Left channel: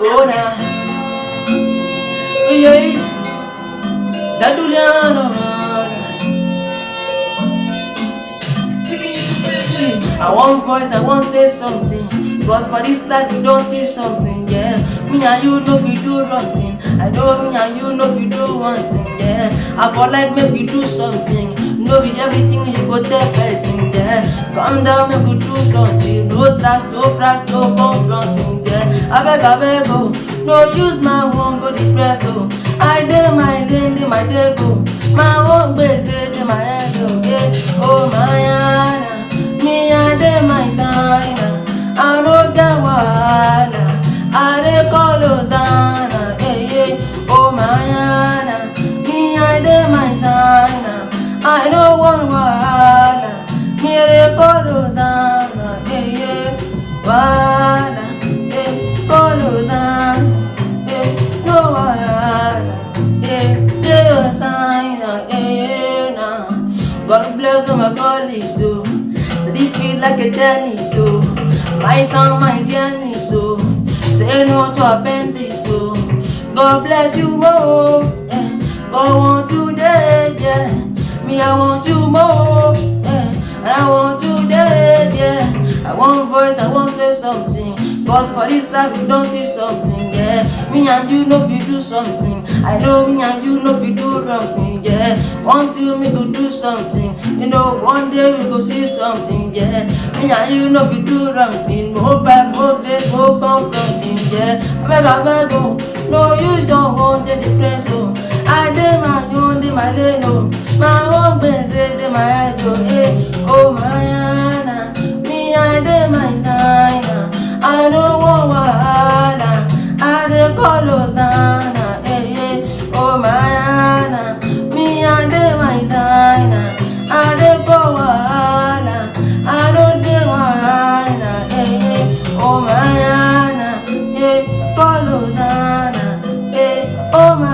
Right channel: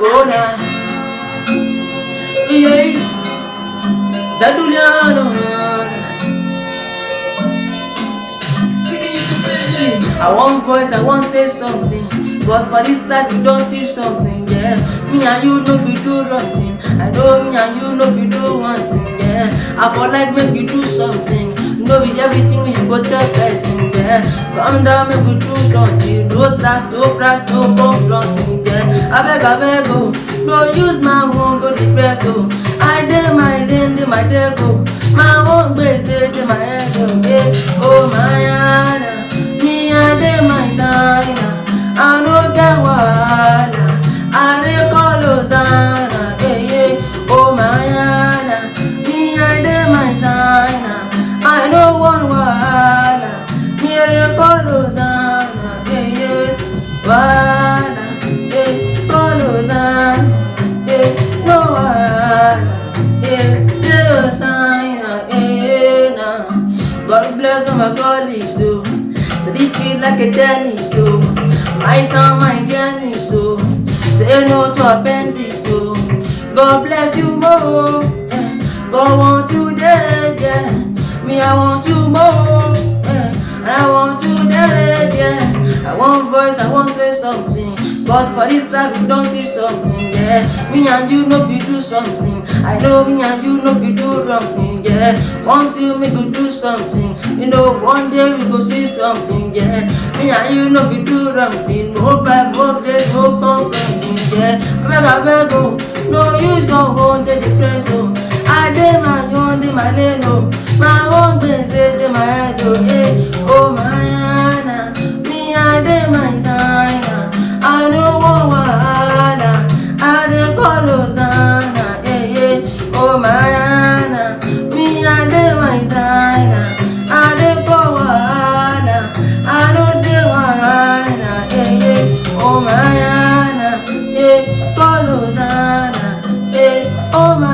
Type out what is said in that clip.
Oh na, yeah, Zedulion. I want voice, I want say something. Cause for this life you don't see something, yeah. Me and you know if you do wrong thing. I know me and you know if you do one thing, yeah. I for like make you do something. No be everything you go tell person, yeah. Calm down, make we do something. No trash, no flash, no confronting, yeah. I beg, oh. No use my own, go depress, oh. I dey my lane, dey my day go. My own base, dey my head, oh, yeah. Oh my Anna. Me and them my side, I no get wahala. I dey call Hosanna, yeah. Oh my Anna, me and them my side, I no want wahala. Me and dey call Hosanna, yeah. Wahala, yeah. Call Hosanna, yeah. No wahala, yeah. Hosanna, yeah. God bless all my colleagues, so. But it feel like a tennis, so my song, my journey, so say no to appendix, so God bless you more. God want you dead, yeah. Me, I want you more, yeah. And I want you dead, yeah. I want voice, I want say something. Cause for this life you don't see something, yeah. Me and you know if you do something. I know me and you know if you do wrong thing, yeah. Want you me go do something. You know one day we go see something, yeah. Me and you know if you do wrong thing. No fight, no days, no confronting, yeah. I beg, oh. No use your own, they depress, oh. I dey my own, dey my lane, oh. My own base, dey my head, oh, yeah. Oh my Anna, me I dey my side, I don't want wahala. I dey call Hosanna, yeah. Oh my Anna, me I dey my side, I dey call wahala. I don't dey wahala, yeah. Oh my Anna, yeah. Call Hosanna, yeah. Oh my